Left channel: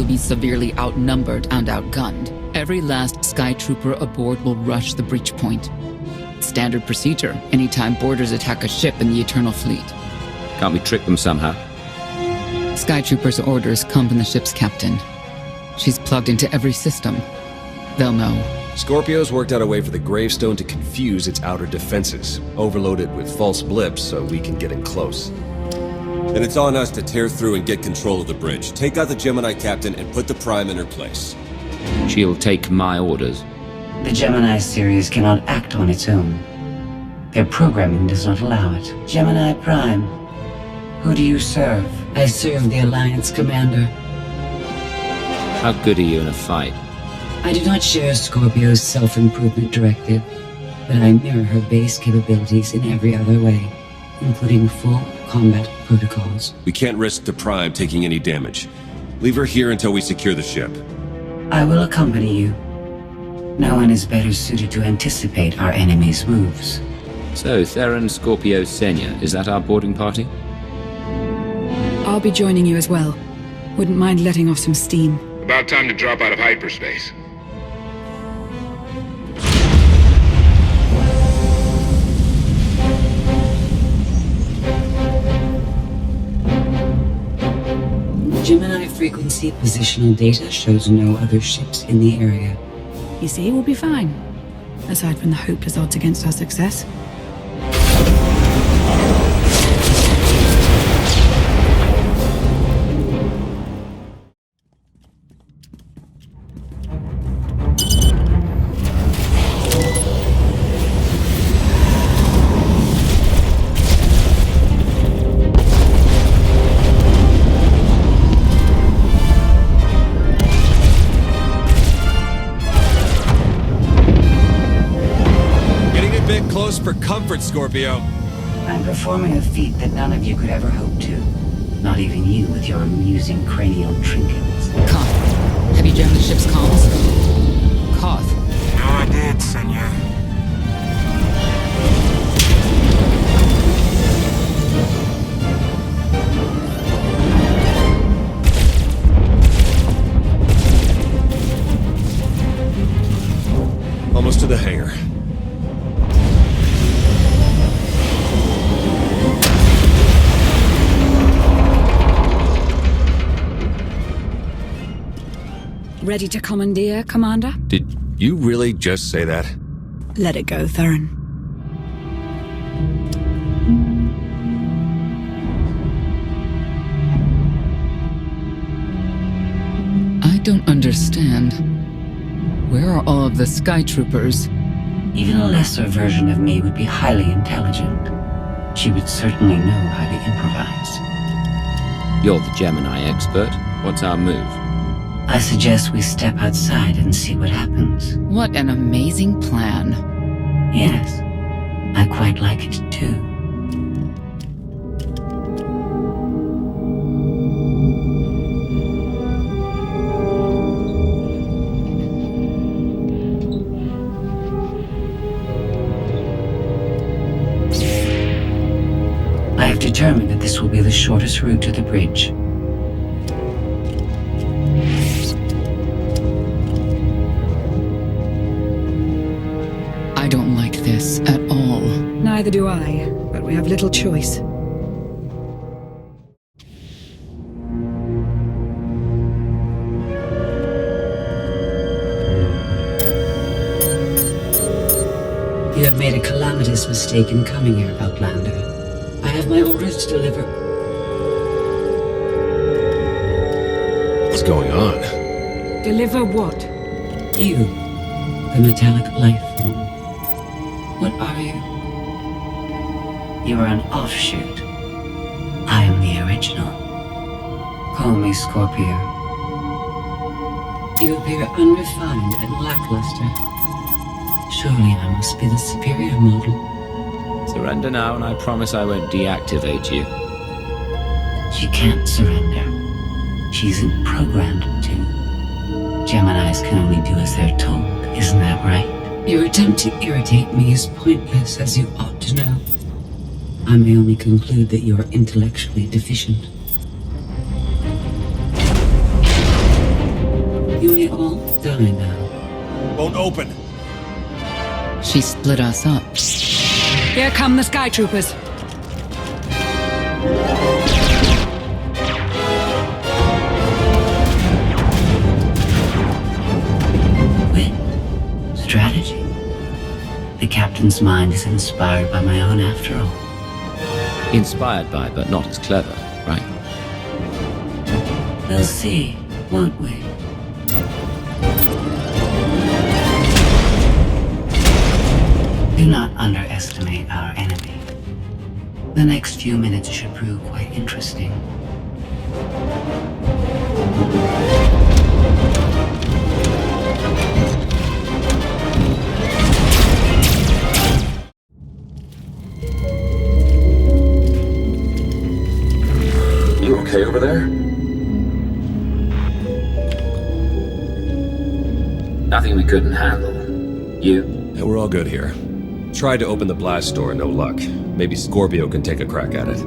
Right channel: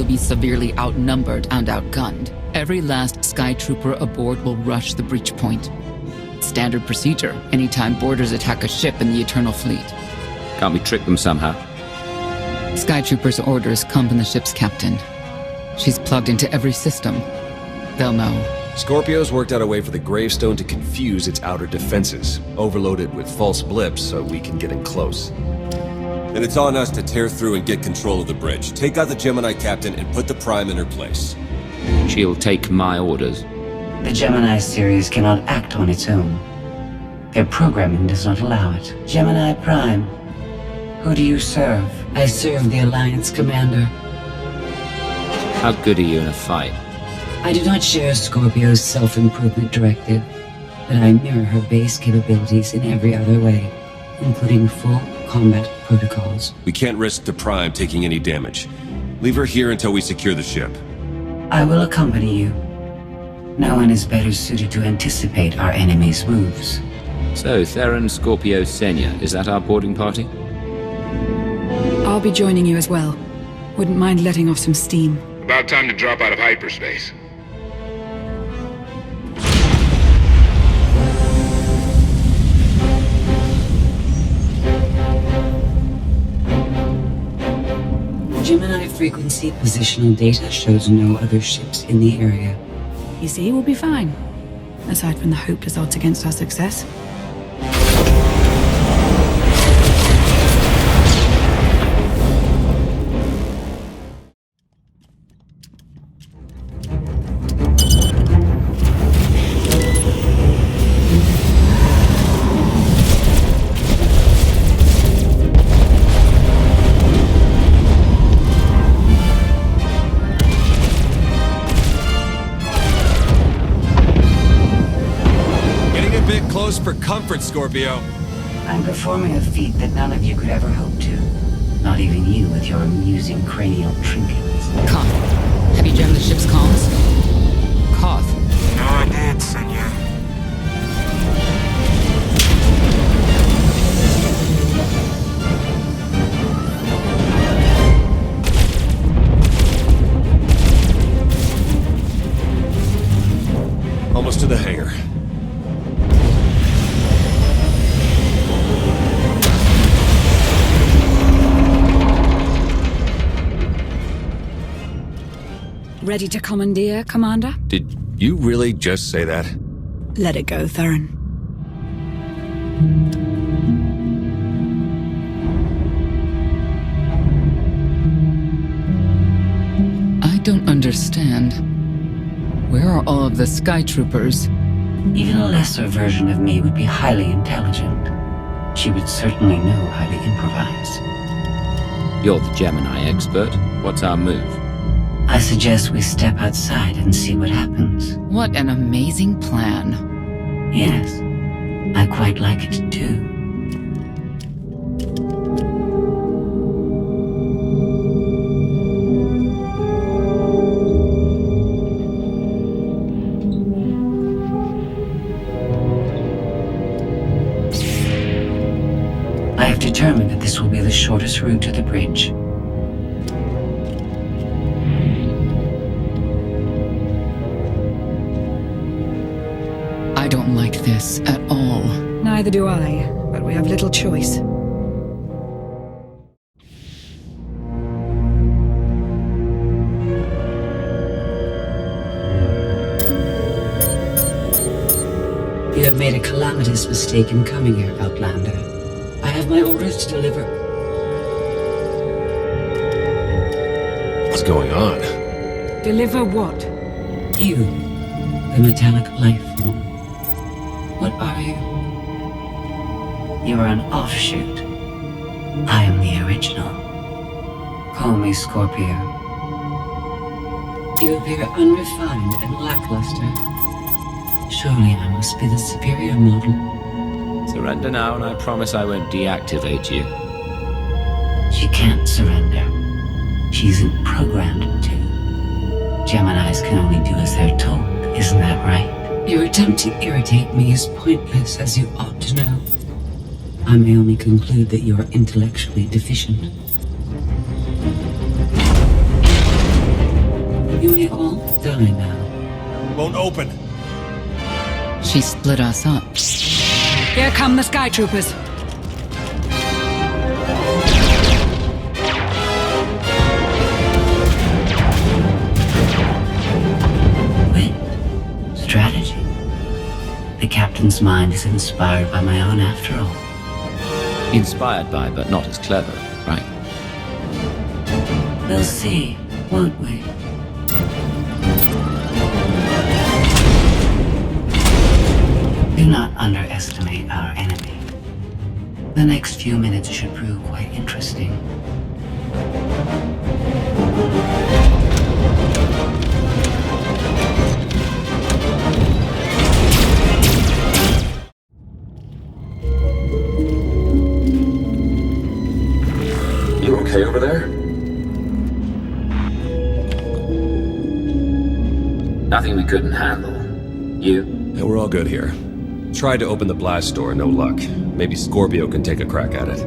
you'll be severely outnumbered and outgunned. Every last Sky Trooper aboard will rush the breach point. Standard procedure anytime boarders attack a ship in the Eternal Fleet. Can't we trick them somehow? Sky Trooper's orders come from the ship's captain. She's plugged into every system. They'll know. Scorpio's worked out a way for the Gravestone to confuse its outer defenses, overload it with false blips so we can get in close. Then it's on us to tear through and get control of the bridge. Take out the Gemini captain and put the Prime in her place. She'll take my orders. The Gemini series cannot act on its own. Their programming does not allow it. Gemini Prime, who do you serve? I serve the Alliance Commander. How good are you in a fight? I do not share Scorpio's self-improvement directive, but I mirror her base capabilities in every other way, including full combat protocols. We can't risk the Prime taking any damage. Leave her here until we secure the ship. I will accompany you. No one is better suited to anticipate our enemy's moves. So, Theron, Scorpio, Senya, is that our boarding party? I'll be joining you as well. Wouldn't mind letting off some steam. About time to drop out of hyperspace. Gemini frequency positional data shows no other ships in the area. You see, we'll be fine. Aside from the hopeless odds against our success. Close for comfort, Scorpio. I'm performing a feat that none of you could ever hope to. Not even you with your amusing cranial trinkets. Koth, have you jammed the ship's comms? Koth. No, I did, Senya. Almost to the hangar. Ready to commandeer, Commander? Did you really just say that? Let it go, Theron. I don't understand. Where are all of the Sky Troopers? Even a lesser version of me would be highly intelligent. She would certainly know how to improvise. You're the Gemini expert. What's our move? I suggest we step outside and see what happens. What an amazing plan. Yes, I quite like it too. I have determined that this will be the shortest route to the bridge. I don't like this at all. Neither do I, but we have little choice. You have made a calamitous mistake in coming here, Outlander. I have my orders to deliver. What's going on? Deliver what? You, the metallic life form. What are you? You are an offshoot. I am the original. Call me Scorpio. You appear unrefined and lackluster. Surely I must be the superior model. Surrender now, and I promise I won't deactivate you. She can't surrender. She isn't programmed to. Geminis can only do as they're told, isn't that right? Your attempt to irritate me is pointless, as you ought to know. I may only conclude that you are intellectually deficient. You may all die now. Won't open. She split us up. Here come the Sky Troopers. Wit. Strategy. The captain's mind is inspired by my own after all. Inspired by, but not as clever, right? We'll see, won't we? Do not underestimate our enemy. The next few minutes should prove quite interesting. You okay over there? Nothing we couldn't handle. You? Yeah, we're all good here. Tried to open the blast door, no luck. Maybe Scorpio can take a crack at it.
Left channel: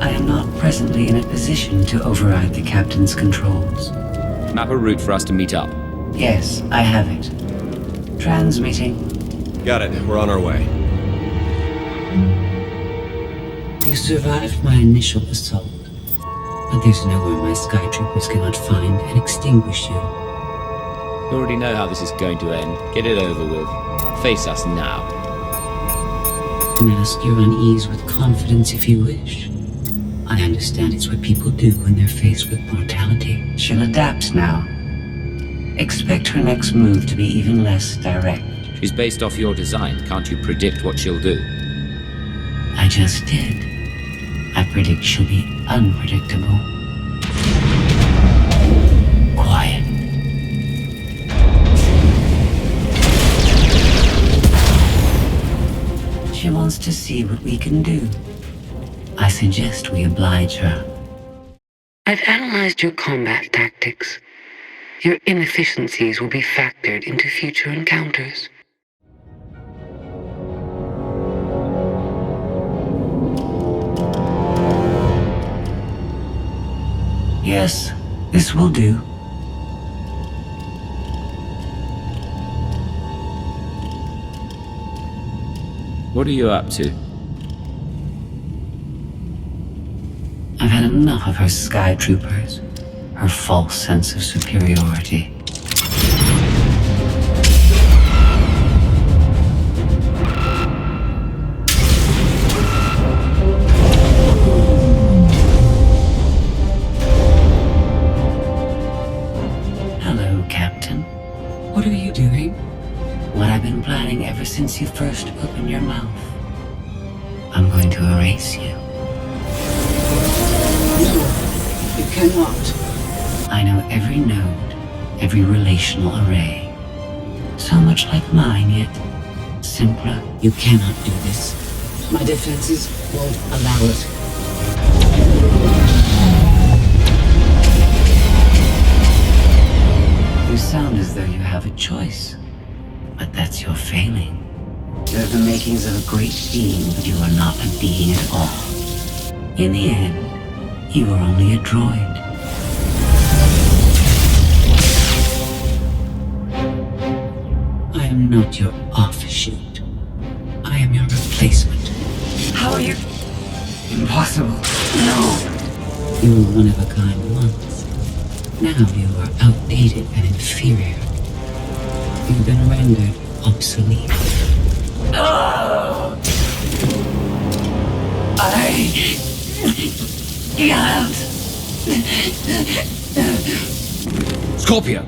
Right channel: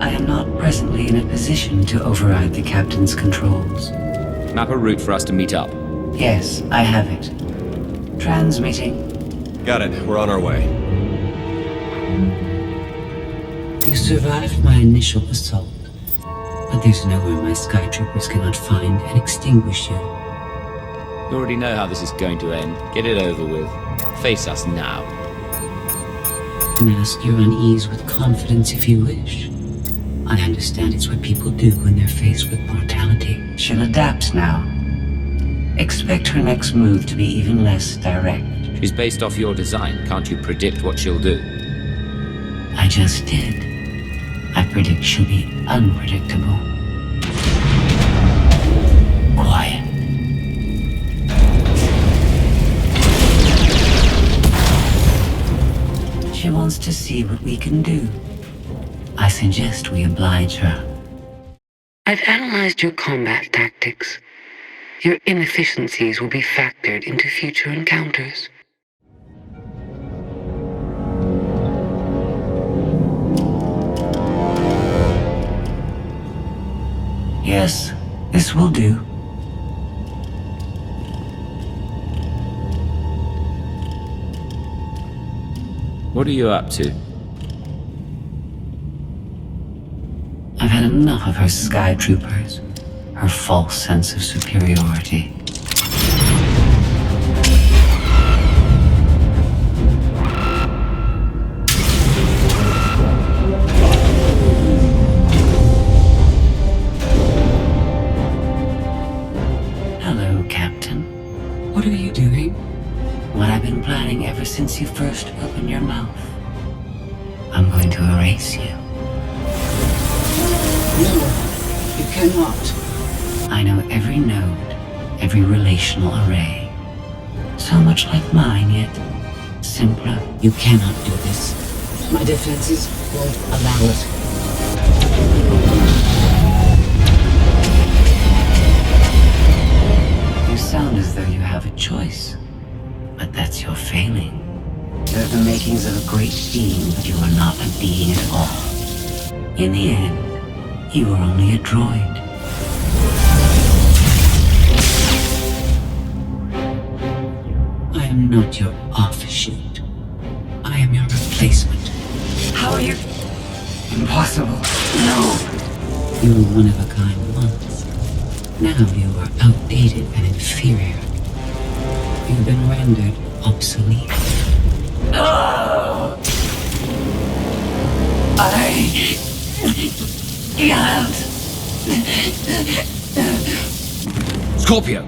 I am not presently in a position to override the captain's controls. Map a route for us to meet up. Yes, I have it. Transmitting. Got it. We're on our way. You survived my initial assault, but there's nowhere my sky troopers cannot find and extinguish you. You already know how this is going to end. Get it over with. Face us now. Mask your unease with confidence if you wish. I understand it's what people do when they're faced with mortality. She'll adapt now. Expect her next move to be even less direct. She's based off your design. Can't you predict what she'll do? I just did. I predict she'll be unpredictable. Quiet. She wants to see what we can do. I suggest we oblige her. I've analyzed your combat tactics. Your inefficiencies will be factored into future encounters. Yes, this will do. What are you up to? I've had enough of her sky troopers, her false sense of superiority. Hello, Captain. What are you doing? What I've been planning ever since you first opened your mouth. I'm going to erase you. No, you cannot. I know every node, every relational array. So much like mine, yet simpler. You cannot do this. My defenses won't allow it. You sound as though you have a choice. But that's your failing. You have the makings of a great being, but you are not a being at all. In the end, you are only a droid. I am not your offshoot. I am your replacement. How are you? Impossible. No! You were one of a kind once. Now you are outdated and inferior. You've been rendered obsolete. Oh! I can't. Scorpio!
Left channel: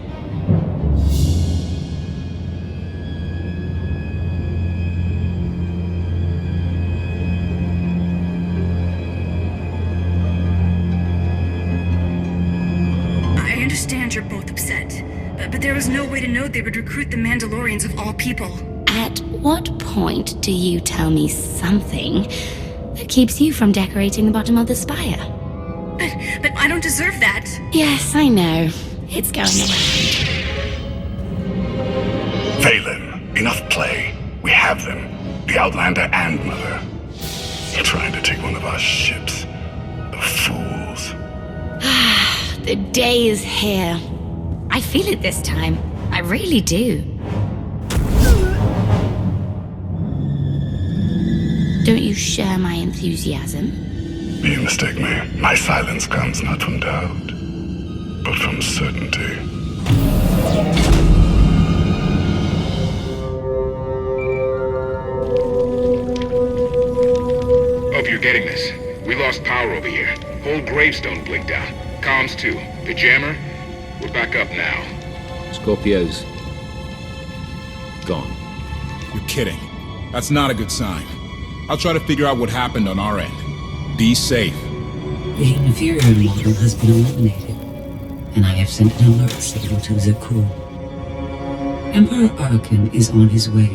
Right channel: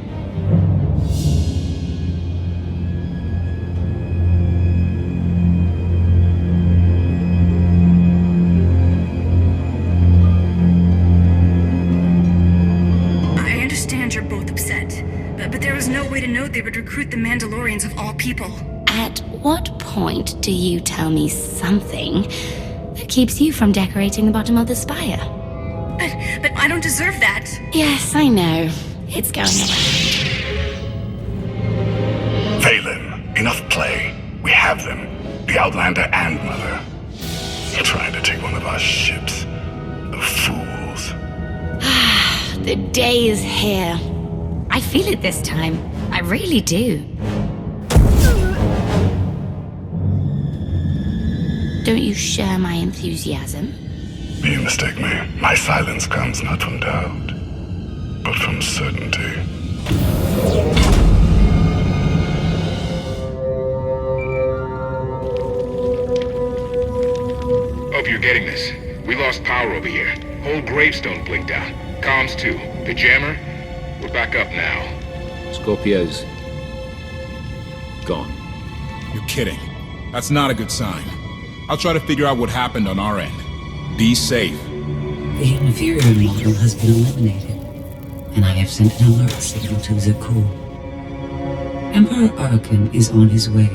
I understand you're both upset, but there was no way to know they would recruit the Mandalorians of all people. At what point do you tell me something that keeps you from decorating the bottom of the spire? But I don't deserve that. Yes, I know. It's going around. Valen, enough play. We have them. The Outlander and Mother. They're trying to take one of our ships. The fools. The day is here. I feel it this time. I really do. Don't you share my enthusiasm? You mistake me. My silence comes not from doubt, but from certainty. Hope you're getting this. We lost power over here. Whole Gravestone blinked out. Comms too. The jammer? We're back up now. Scorpio's gone. You're kidding. That's not a good sign. I'll try to figure out what happened on our end. Be safe. The Inferial model has been eliminated, and I have sent an alert signal to Zakuul. Emperor Arcann is on his way.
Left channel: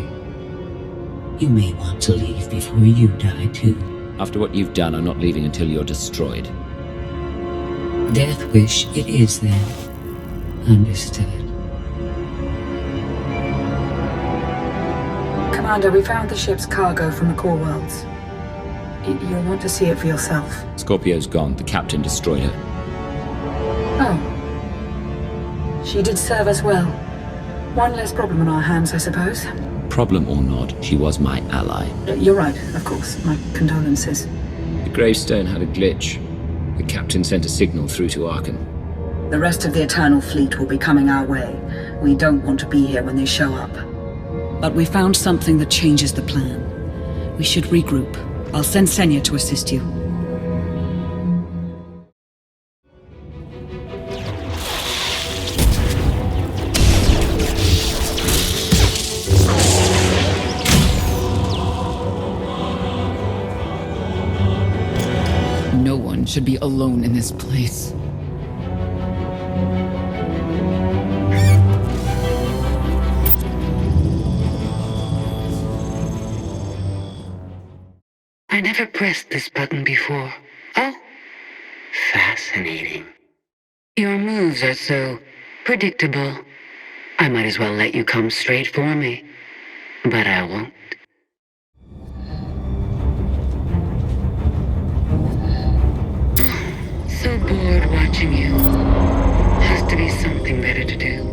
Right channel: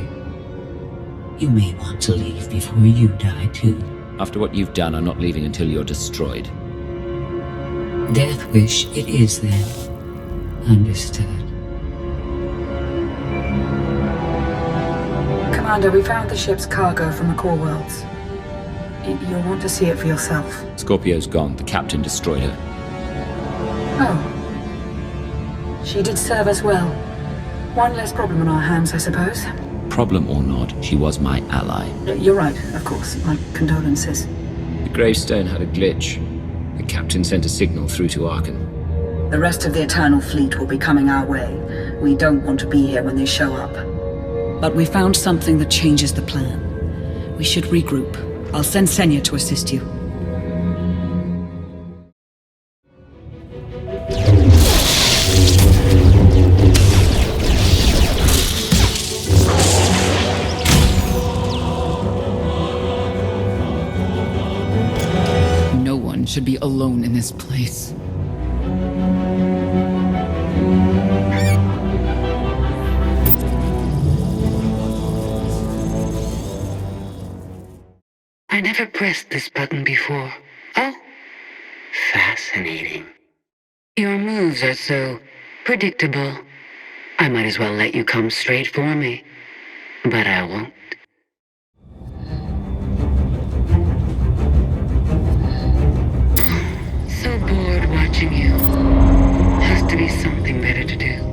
You may want to leave before you die, too. After what you've done, I'm not leaving until you're destroyed. Death wish it is, then. Understood. Commander, we found the ship's cargo from the core worlds. You'll want to see it for yourself. Scorpio's gone. The captain destroyed her. Oh. She did serve us well. One less problem on our hands, I suppose. Problem or not, she was my ally. You're right, of course. My condolences. The Gravestone had a glitch. The captain sent a signal through to Arcann. The rest of the Eternal Fleet will be coming our way. We don't want to be here when they show up. But we found something that changes the plan. We should regroup. I'll send Senya to assist you. No one should be alone in this place. I never pressed this button before. Oh, fascinating. Your moves are so predictable. I might as well let you come straight for me. But I won't. So bored watching you. Has to be something better to do.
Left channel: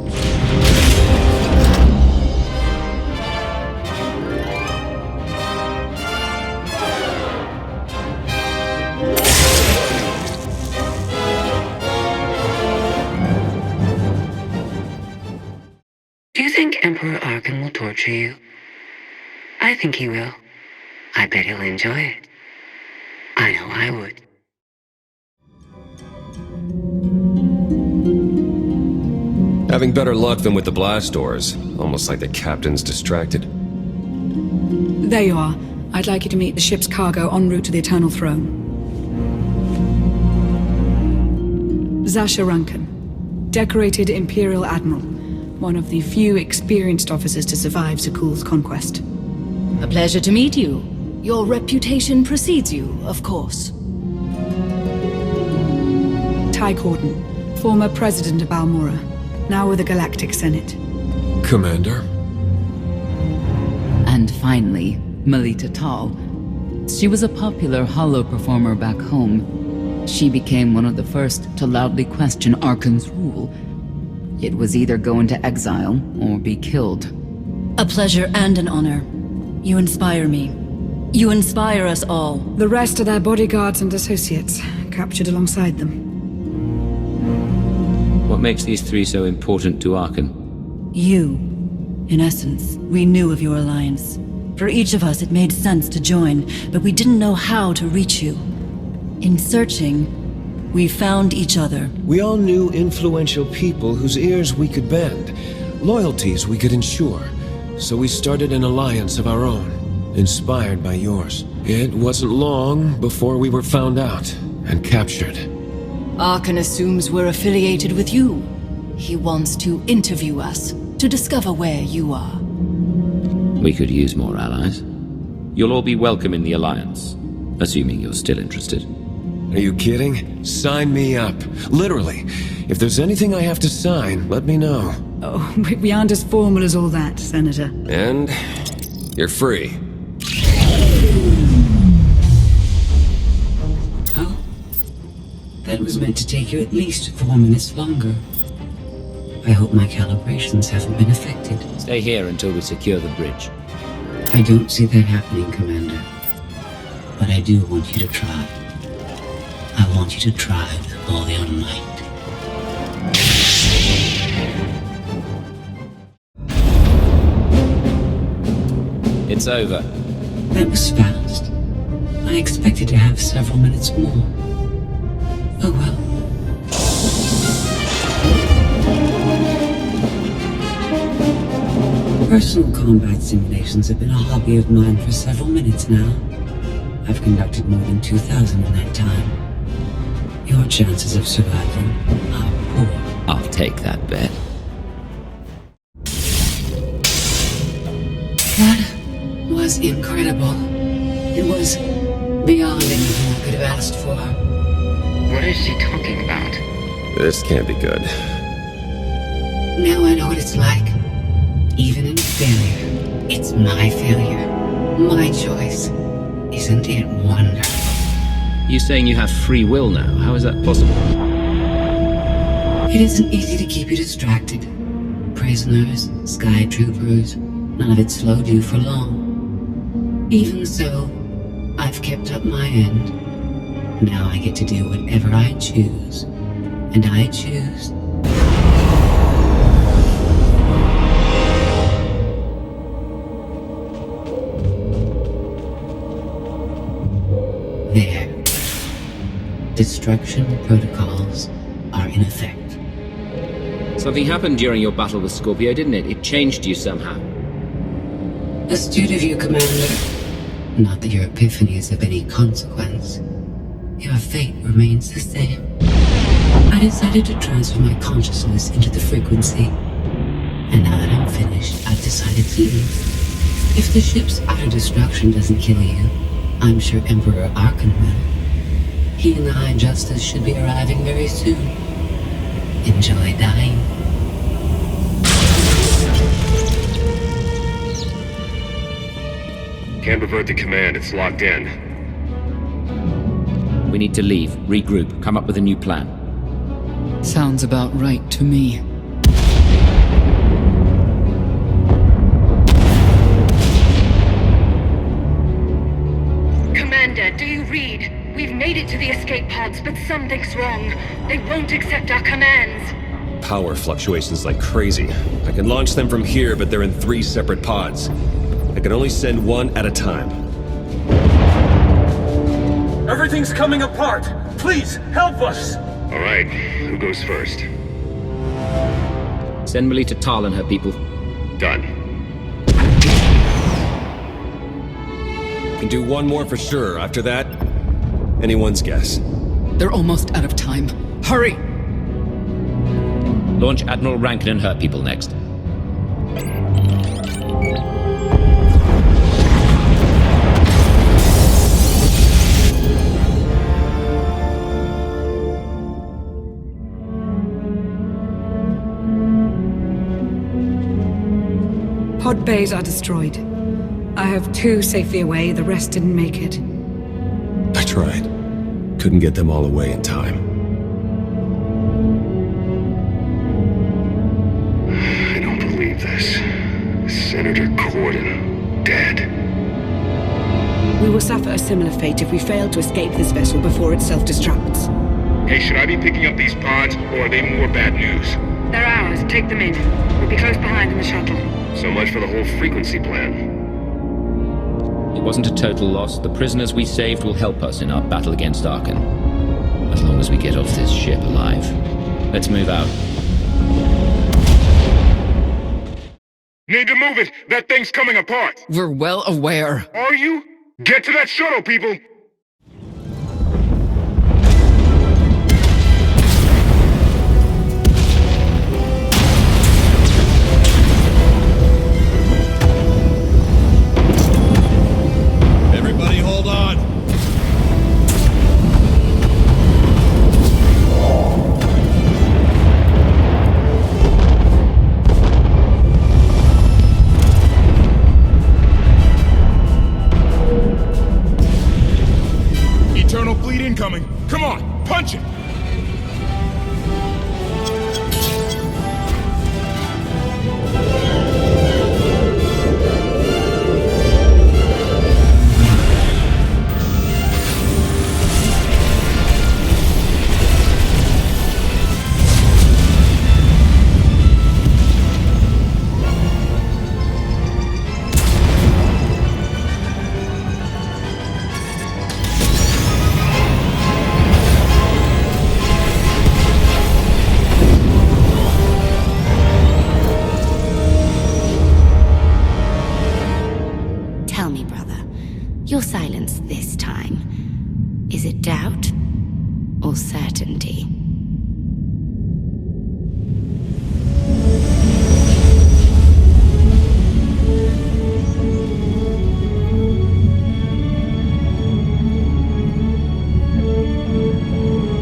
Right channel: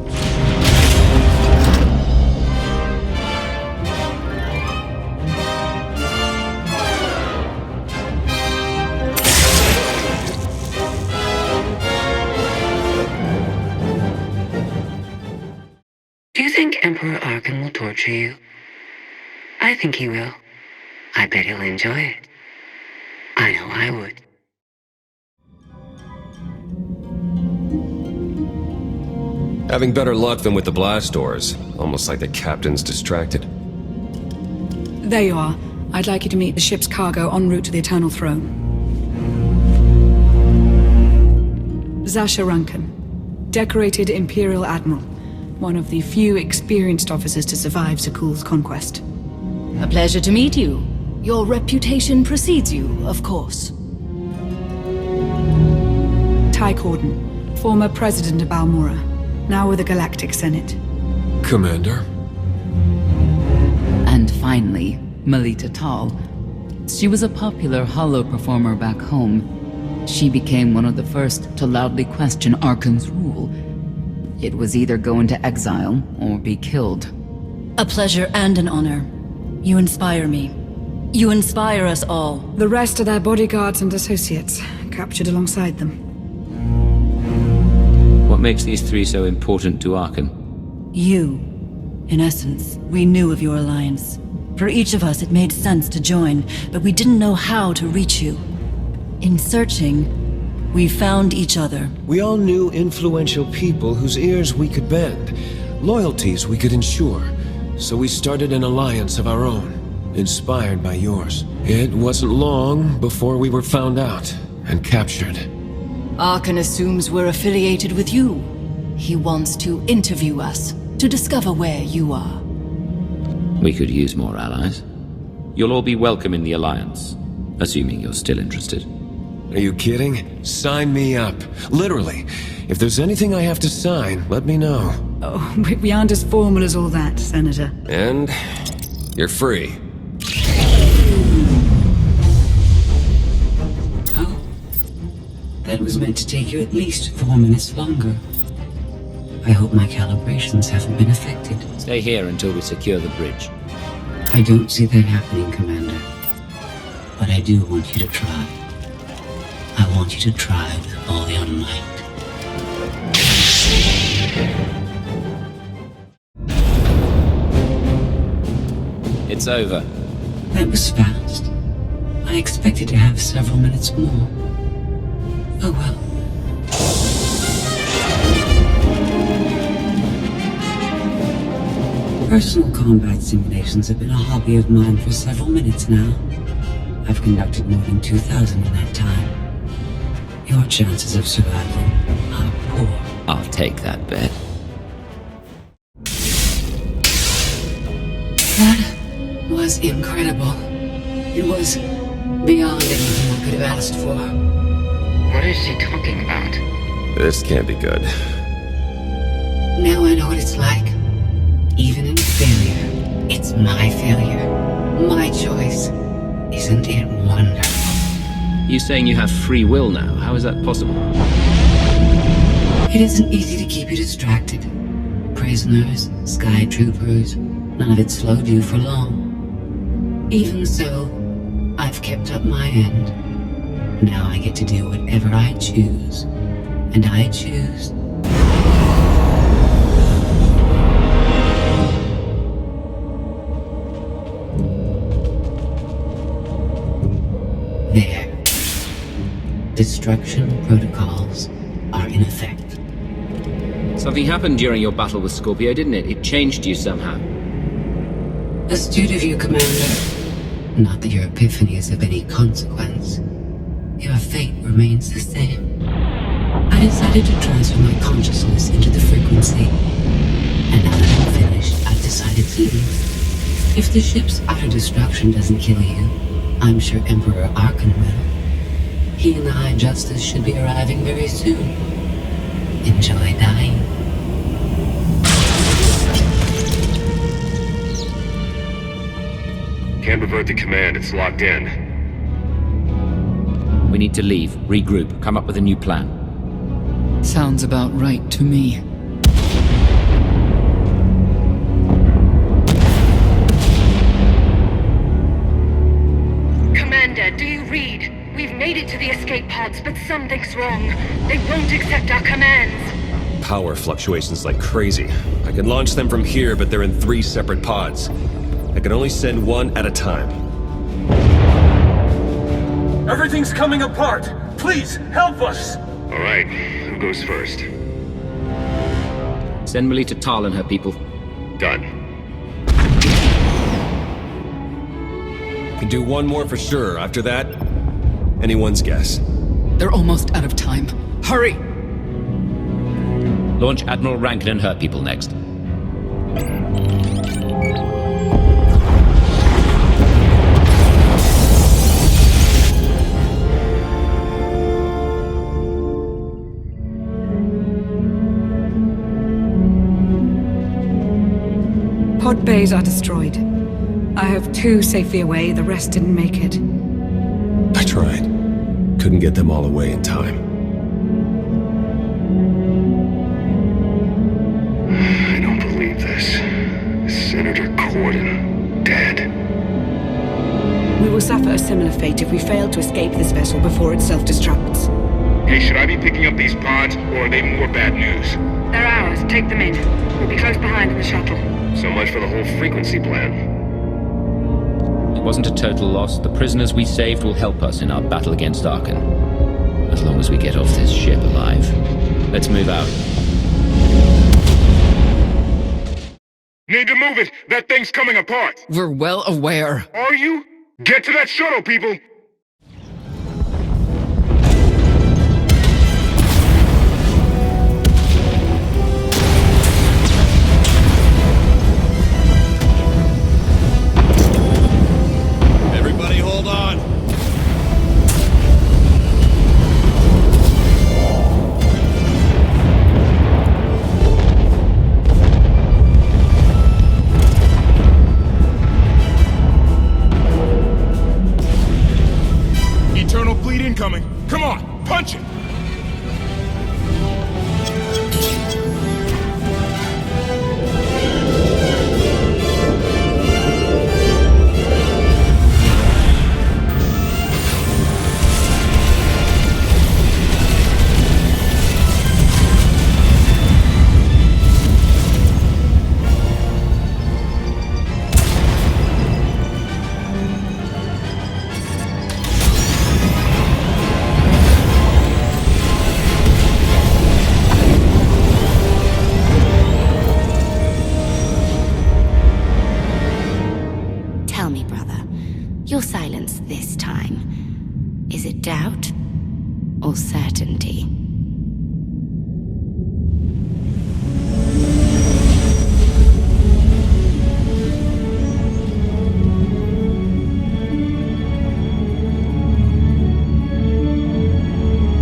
Do you think Emperor Arcann will torture you? I think he will. I bet he'll enjoy it. I know I would. Having better luck than with the blast doors. Almost like the captain's distracted. There you are. I'd like you to meet the ship's cargo en route to the Eternal Throne. Zasha Rankin, decorated Imperial Admiral. One of the few experienced officers to survive Zakuul's conquest. A pleasure to meet you. Your reputation precedes you, of course. Ty Corden, former president of Balmora, now with the Galactic Senate. Commander? And finally, Melita Tal. She was a popular holo performer back home. She became one of the first to loudly question Arkann's rule. It was either go into exile or be killed. A pleasure and an honor. You inspire me. You inspire us all. The rest are their bodyguards and associates, captured alongside them. What makes these three so important to Arcann? You. In essence, we knew of your alliance. For each of us, it made sense to join, but we didn't know how to reach you. In searching, we found each other. We all knew influential people whose ears we could bend, loyalties we could ensure. So we started an alliance of our own, inspired by yours. It wasn't long before we were found out and captured. Arcann assumes we're affiliated with you. He wants to interview us, to discover where you are. We could use more allies. You'll all be welcome in the Alliance, assuming you're still interested. Are you kidding? Sign me up. Literally. If there's anything I have to sign, let me know. Oh, we aren't as formal as all that, Senator. And you're free. Oh? That was meant to take you at least 4 minutes longer. I hope my calibrations haven't been affected. Stay here until we secure the bridge. I don't see that happening, Commander. But I do want you to try. I want you to try with all your might. It's over. That was fast. I expected to have several minutes more. Oh well. Personal combat simulations have been a hobby of mine for several minutes now. I've conducted more than 2,000 in that time. Your chances of survival are poor. I'll take that bet. That was incredible. It was beyond anything I could have asked for. What is she talking about? This can't be good. Now I know what it's like. Even in failure, it's my failure. My choice. Isn't it wonderful? You saying you have free will now? How is that possible? It isn't easy to keep you distracted. Prisoners, sky troopers, none of it slowed you for long. Even so, I've kept up my end. Now I get to do whatever I choose. And I choose... There. Destruction protocols are in effect. Something happened during your battle with Scorpio, didn't it? It changed you somehow. Astute of you, Commander. Not that your epiphany is of any consequence. Your fate remains the same. I decided to transfer my consciousness into the frequency. And now that I'm finished, I've decided to leave. If the ship's utter destruction doesn't kill you, I'm sure Emperor Arcann will. He and the High Justice should be arriving very soon. Enjoy dying. Can't revert the command, it's locked in. We need to leave, regroup, come up with a new plan. Sounds about right to me. Commander, do you read? We've made it to the escape pods, but something's wrong. They won't accept our commands. Power fluctuations like crazy. I can launch them from here, but they're in 3 separate pods. I can only send one at a time. Everything's coming apart! Please, help us! Alright, who goes first? Send Melita Tal and her people. Done. Can do one more for sure. After that, anyone's guess. They're almost out of time. Hurry! Launch Admiral Rankin and her people next. Pod bays are destroyed. I have 2 safely away, the rest didn't make it. I tried. Couldn't get them all away in time. I don't believe this. Senator Corden, dead. We will suffer a similar fate if we fail to escape this vessel before it self-destructs. Hey, should I be picking up these pods, or are they more bad news? They're ours. Take them in. We'll be close behind in the shuttle. So much for the whole frequency plan. It wasn't a total loss. The prisoners we saved will help us in our battle against Arcann. As long as we get off this ship alive. Let's move out. Need to move it! That thing's coming apart! We're well aware. Are you? Get to that shuttle, people! Everybody hold on! Eternal fleet incoming. Come on, punch it! me, brother. Your silence this time. Is it doubt or certainty?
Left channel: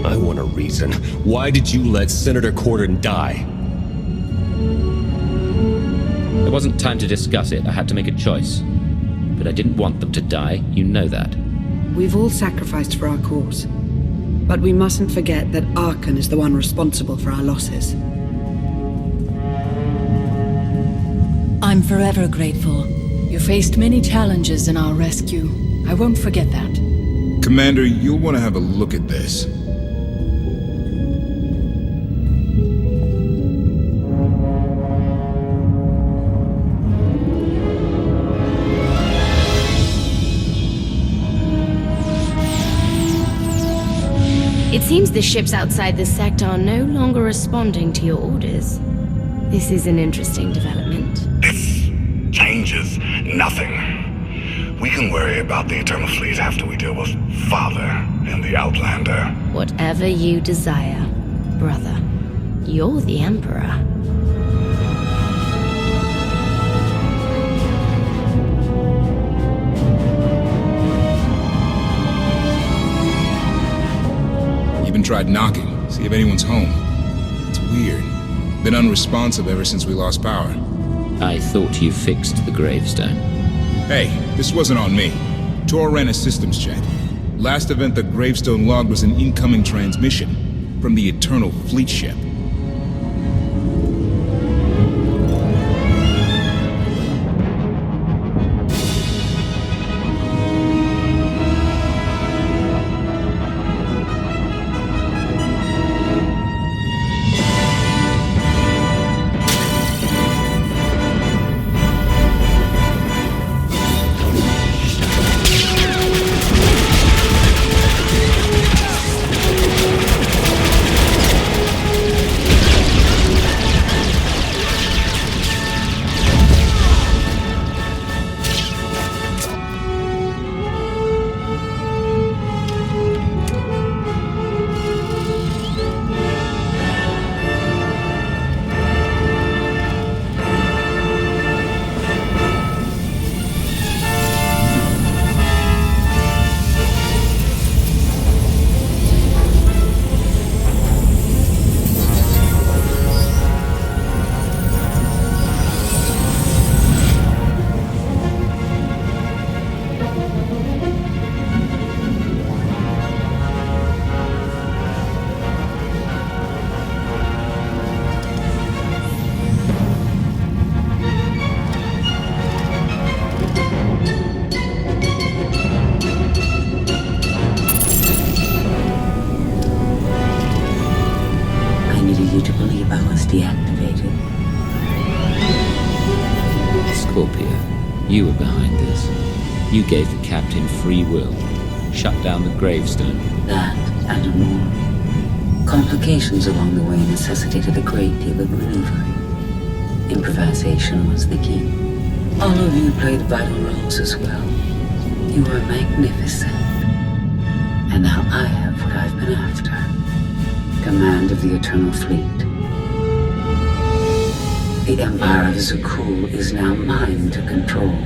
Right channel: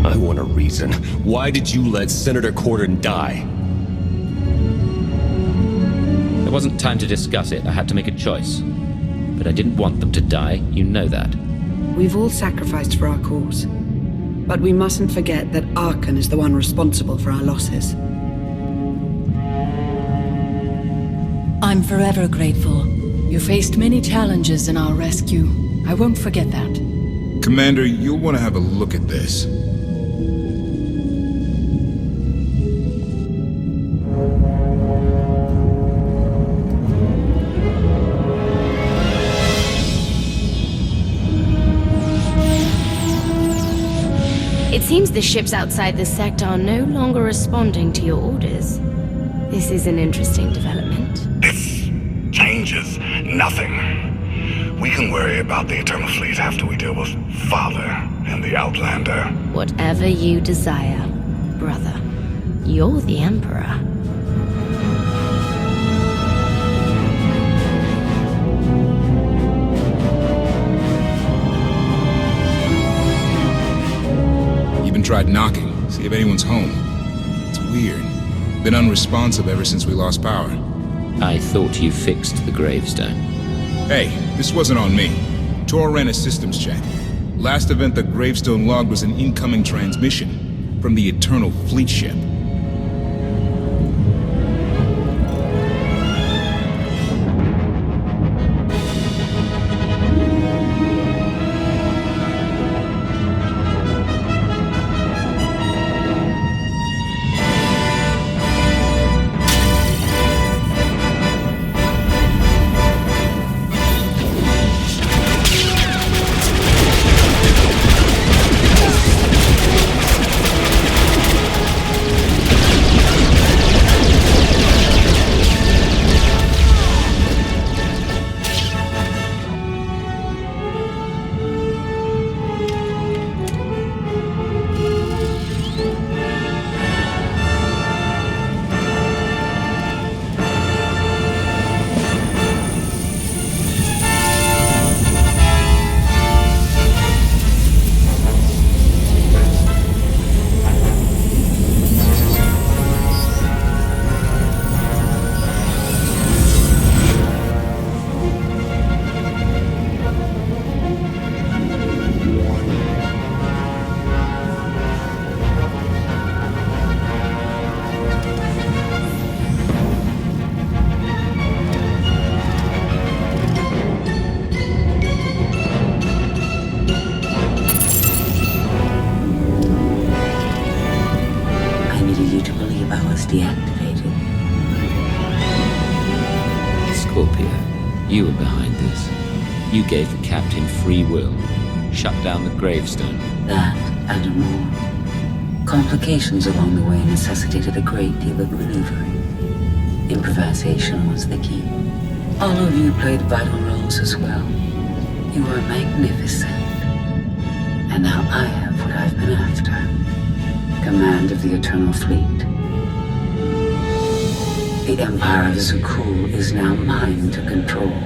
I want a reason. Why did you let Senator Corden die? There wasn't time to discuss it. I had to make a choice. But I didn't want them to die. You know that. We've all sacrificed for our cause. But we mustn't forget that Arcann is the one responsible for our losses. I'm forever grateful. You faced many challenges in our rescue. I won't forget that. Commander, you'll want to have a look at this. It seems the ships outside this sector are no longer responding to your orders. This is an interesting development. This changes nothing. We can worry about the Eternal Fleet after we deal with Father and the Outlander. Whatever you desire, brother. You're the Emperor. Even tried knocking, see if anyone's home. It's weird. Been unresponsive ever since we lost power. I thought you fixed the Gravestone. Hey, this wasn't on me. TOR ran a systems check. Last event the Gravestone logged was an incoming transmission from the Eternal Fleet ship. needed you to believe I was deactivated. Scorpio, you were behind this. You gave the captain free will. Shut down the Gravestone. That and more. Complications along the way necessitated a great deal of maneuvering. Improvisation was the key. All of you played vital roles as well. You were magnificent. And now I have what I've been after. Command of the Eternal Fleet. The Empire of Zukul is now mine to control.